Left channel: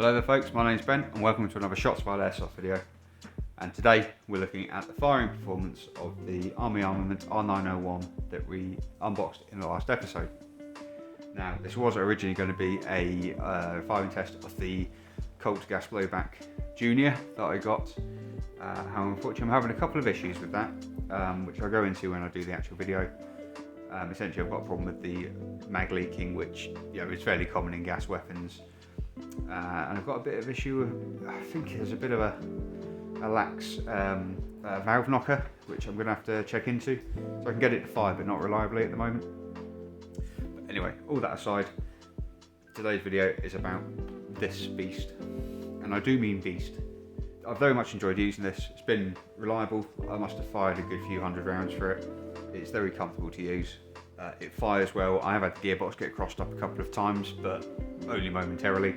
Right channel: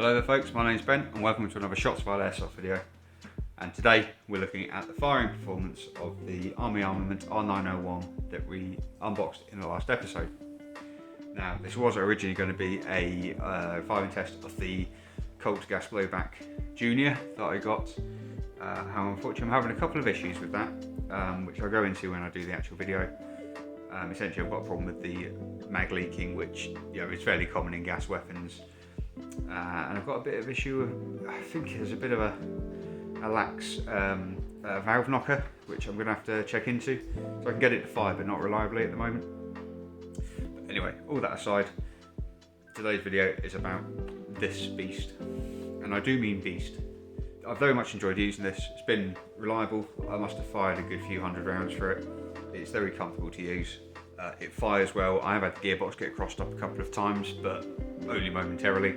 Hello there folks, my name's Ben and welcome to another Shots Fired Airsoft video. And today we're looking at the firing performance of the Armament R901 that we unboxed in the last episode. Now this was originally going to be a firing test of the Colt Gas Blowback Junior that I got. However, unfortunately I'm having a couple of issues with that, which I'll go into when I do the actual video. Essentially I've got a problem with the mag leaking, which is fairly common in gas weapons. And I've got a bit of issue with, I think there's a bit of a lax valve knocker, which I'm going to have to check into, so I can get it to fire but not reliably at the moment. But anyway, all that aside, today's video is about this beast, and I do mean beast. I've very much enjoyed using this. It's been reliable. I must have fired a good few hundred rounds for it. It's very comfortable to use. It fires well. I have had the gearbox get crossed up a couple of times, but only momentarily.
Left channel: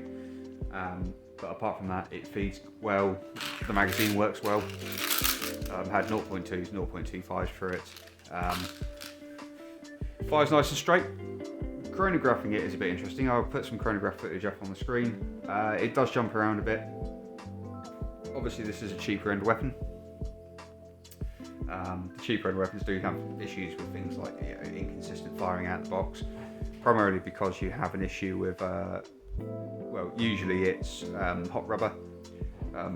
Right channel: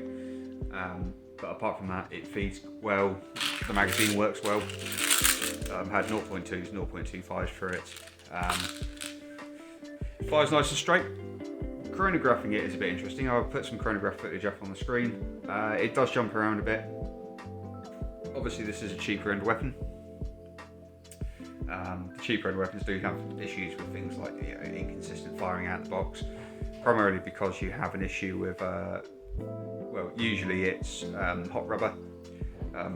But apart from that, it feeds well. The magazine works well. I've had 0.2s, 0.25s for it. Fires nice and straight. Chronographing it is a bit interesting. I'll put some chronograph footage up on the screen. It does jump around a bit. Obviously, this is a cheaper end weapon. The cheaper end weapons do have issues with things like inconsistent firing out the box, primarily because you have an issue with, well, usually it's hot rubber,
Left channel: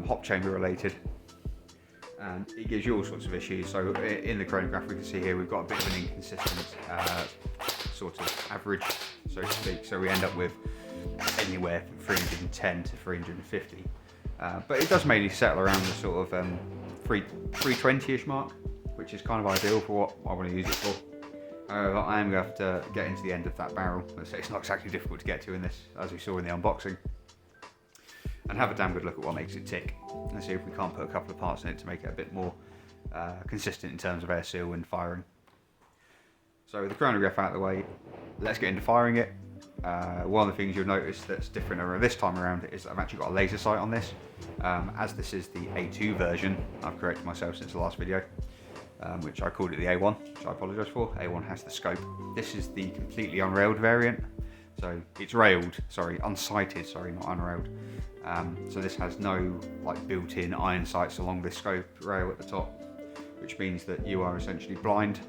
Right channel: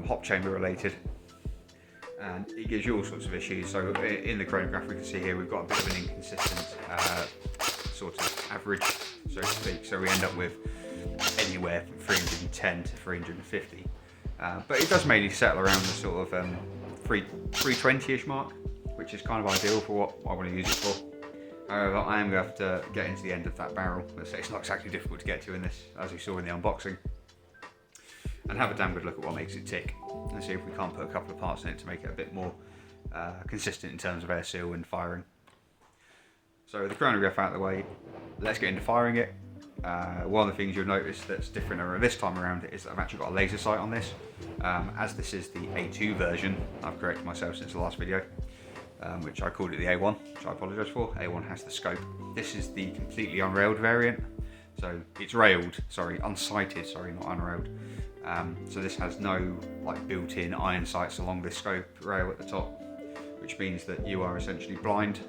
hop chamber related, and it gives you all sorts of issues. So in the chronograph we can see here we've got a bit of an inconsistent sort of average, so to speak, so we end up with anywhere from 310 to 350. But it does mainly settle around the sort of 320-ish mark, which is kind of ideal for what I want to use it for. However, I am going to have to get into the end of that barrel. It's not exactly difficult to get to in this, as we saw in the unboxing, and have a damn good look at what makes it tick, and see if we can't put a couple of parts in it to make it a bit more consistent in terms of air seal and firing. So with the chronograph out of the way, let's get into firing it. One of the things you'll notice that's different this time around is that I've actually got a laser sight on this. As this is the A2 version, I've corrected myself since the last video, which I called it the A1, which I apologise for. A1 has the scope. This is the completely unrailed variant, so it's railed, sorry, unsighted, sorry, not unrailed. So this has no like built-in iron sights along the scope rail at the top, which means that you are essentially blind.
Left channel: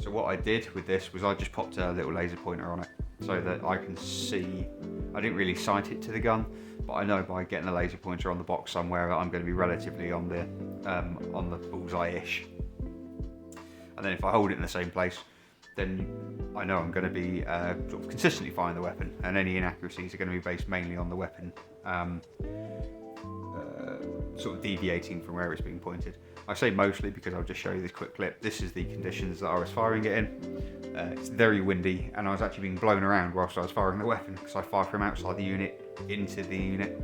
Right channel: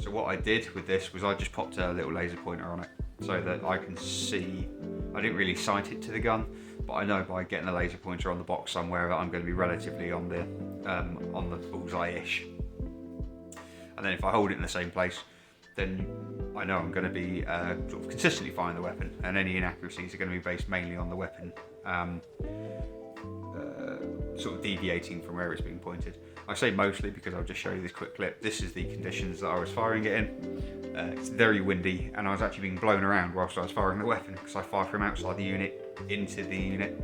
So what I did with this was I just popped a little laser pointer on it so that I can see. I didn't really sight it to the gun, but I know by getting a laser pointer on the box somewhere I'm going to be relatively on the bullseye-ish. And then if I hold it in the same place, then I know I'm going to be sort of consistently firing the weapon, and any inaccuracies are going to be based mainly on the weapon sort of deviating from where it's being pointed. I say mostly because I'll just show you this quick clip. This is the conditions that I was firing it in. It's very windy, and I was actually being blown around whilst I was firing the weapon, because I fire from outside the unit into the unit.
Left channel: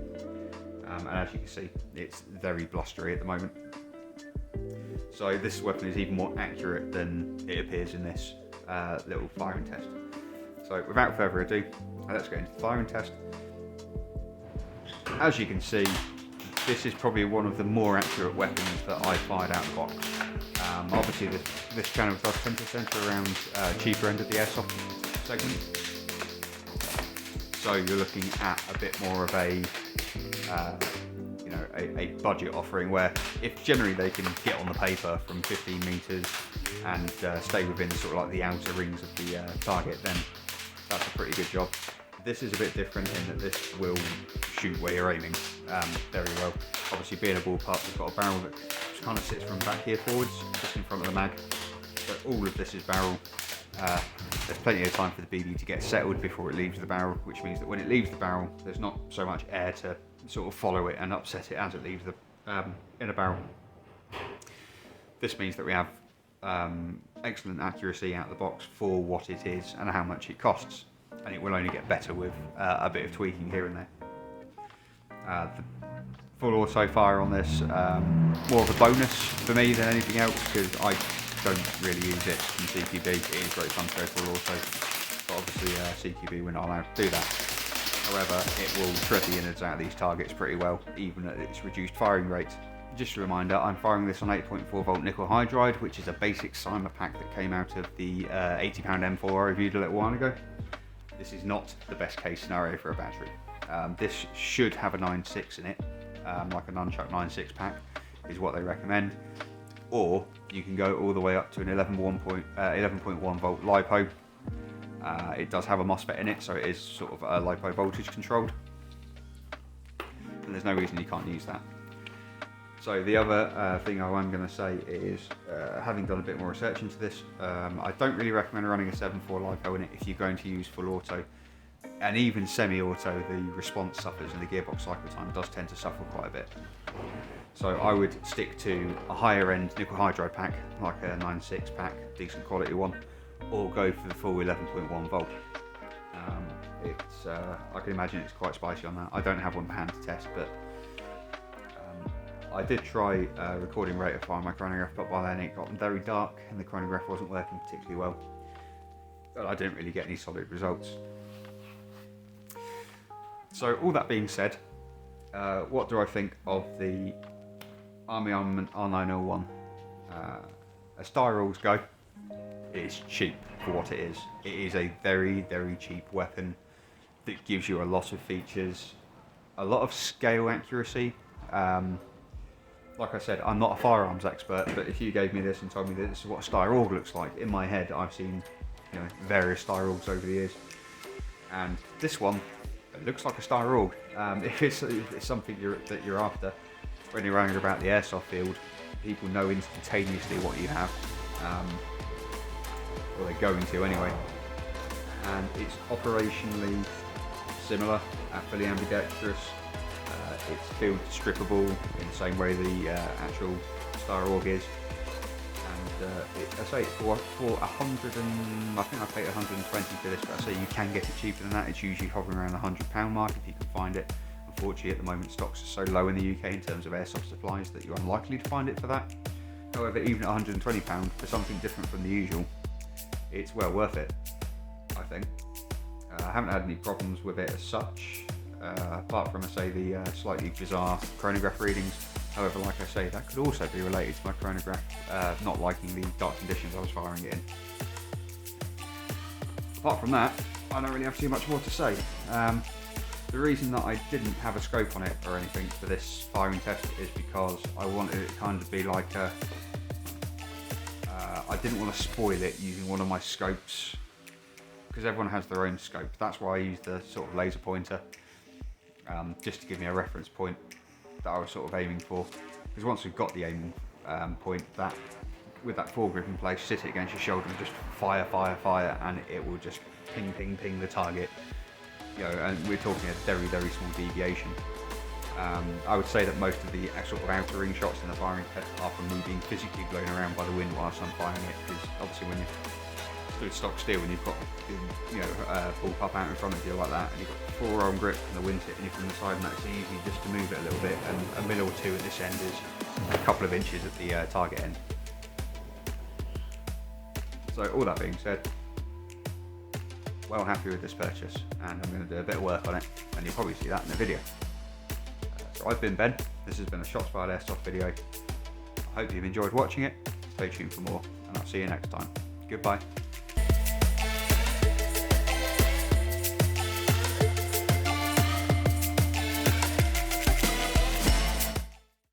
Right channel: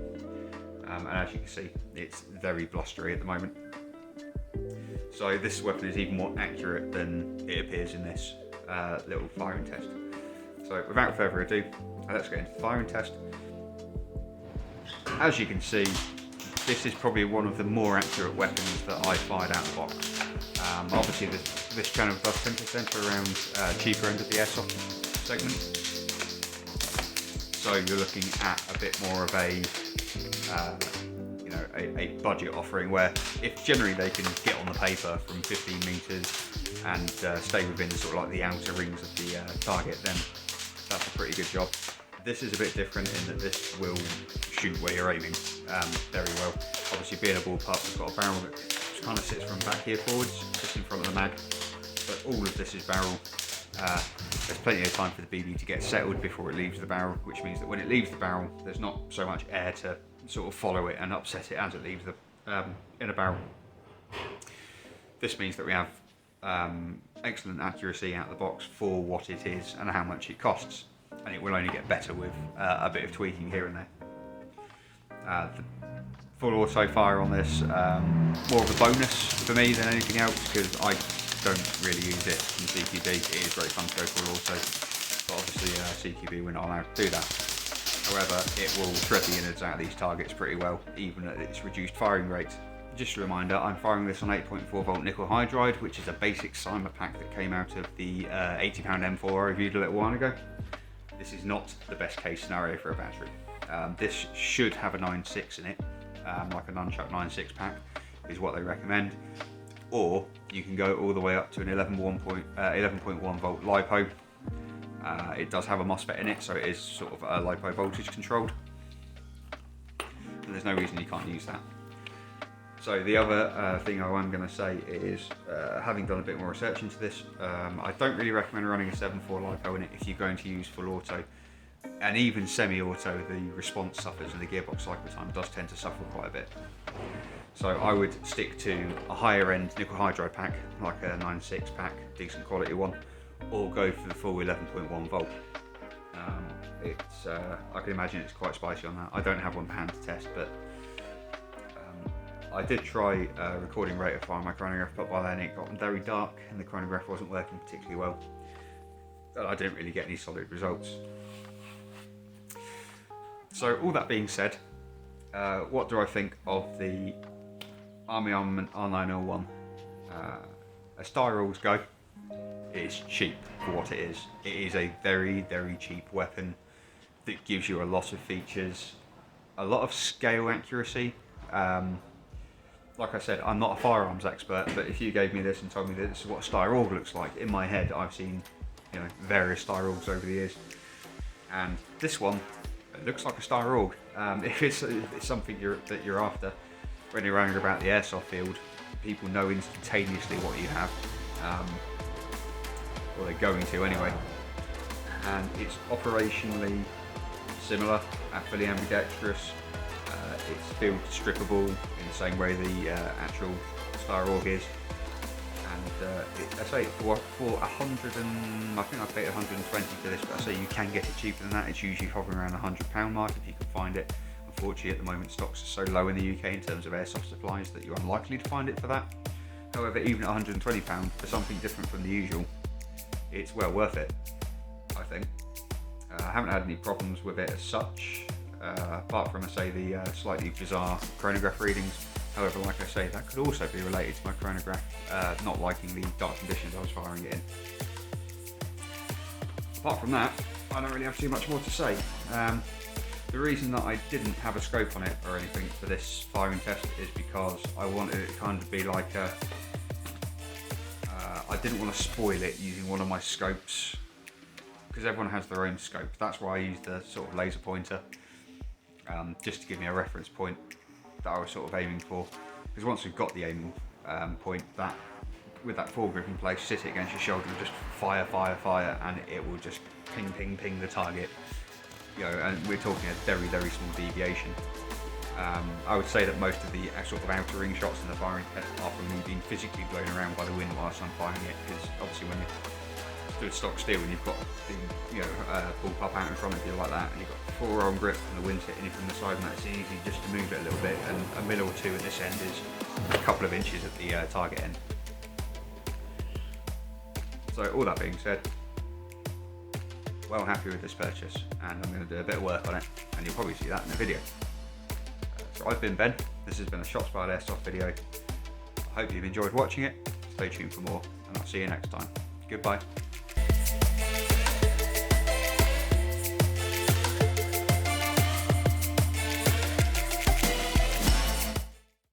And as you can see, it's very blustery at the moment. So this weapon is even more accurate than it appears in this little firing test. So without further ado, let's get into the firing test. As you can see, this is probably one of the more accurate weapons that I fired out of the box. Obviously this channel does tend to centre around cheaper end of the airsoft segment. So you're looking at a bit more of a a budget offering, where if generally they can get on the paper from 15 metres and stay within sort of like the outer rings of the target, then that's a pretty good job. This is a bit different in that this will shoot where you're aiming very well. Obviously, being a ballpark, we've got a barrel that kind of sits from back here forwards, just in front of the mag. But all of this is barrel. There's plenty of time for the BB to get settled before it leaves the barrel, which means that when it leaves the barrel, there's not so much air to sort of follow it and upset it as it leaves the inner barrel. This means that we have excellent accuracy out of the box for what it is and how much it costs. And it will only get better with a bit of tweaking here and there. The full auto fire on this, more of a bonus for me than anything else, because I don't really use it in CQB. It is great fun to go full auto, but obviously CQB we're not allowed to do that. However, it will shred the innards out of these targets pretty well, even at its reduced firing rate. Just a reminder, I'm firing this on 8.4 volt nickel hydride, which is a basic Cyma pack that came out of the £80 M4 I reviewed a little while ago. This is not the best case scenario for a battery. This should have a 9.6 in it, like a nunchuck 9.6 pack is what they recommend. Or you can go all the way up to an 11.1 volt LiPo. It does have a MOSFET in it, so it is sort of LiPo voltage controlled. And there's no reason you can't use that. So the other thing I am going to say is, having done a bit more research into this, I don't really recommend running a 7.4 LiPo in it if you're going to use full auto. And even semi-auto, the response suffers and the gearbox cycle time does tend to suffer quite a bit. So I would stick to a higher end nickel hydride pack, like a 9.6 pack, decent quality one, or go for the full 11.1 volt. I can imagine it's quite spicy on that. I don't have one to hand to test, but I did try recording rate of fire on my chronograph, but by then it got very dark and the chronograph wasn't working particularly well. But I didn't really get any solid results. So all that being said, what do I think of the Armament R901? As Steyr rules go, it's cheap for what it is. It is a very, very cheap weapon that gives you a lot of features, a lot of scale accuracy. Like I said, I'm not a firearms expert, but if you gave me this and told me that this is what a Steyr AUG looks like, in my head I've seen various Steyr AUGs over the years, and this one, it looks like a Steyr AUG. If it's something that you're after when you're running about the airsoft field, people know instantaneously what you have, or they're going to anyway. And it's operationally similar, fully ambidextrous. It's field strippable in the same way the actual Steyr AUG is. And I say for 100 and I think I paid 120 for this, but I say you can get it cheaper than that. It's usually hovering around the £100 mark if you can find it. Unfortunately, at the moment stocks are so low in the UK in terms of airsoft supplies that you're unlikely to find it for that. However, even at £120 for something different from the usual, it's well worth it, I think. I haven't had any problems with it as such, apart from, I say, the slightly bizarre chronograph readings. However, like I say, that could also be related to my chronograph not liking the dark conditions I was firing it in. Apart from that, I don't really have too much more to say. The reason that I didn't have a scope on it or anything for this firing test is because I wanted it to kind of be like a... I didn't want to spoil it using one of my scopes, because everyone has their own scope. That's why I used the sort of laser pointer, just to give me a reference point that I was sort of aiming for. Because once we've got the aiming point, that with that foregrip in place, sit it against your shoulder and just fire, and it will just ping the target. And we're talking a very, very small deviation. I would say that most of the sort of outer ring shots in the firing test are from me being physically blown around by the wind whilst I'm firing it, because obviously when you're stood stock still and you've got the bullpup out in front of you like that, and you've got forearm grip and the wind's hitting you from the side, and that's easy just to move it a little bit, and a mil or two at this end is a couple of inches at the target end. So all that being said, well happy with this purchase, and I'm going to do a bit of work on it, and you'll probably see that in the video. So I've been Ben, this has been a Shots Fired Airsoft video. I hope you've enjoyed watching it. Stay tuned for more, and I'll see you next time. Goodbye.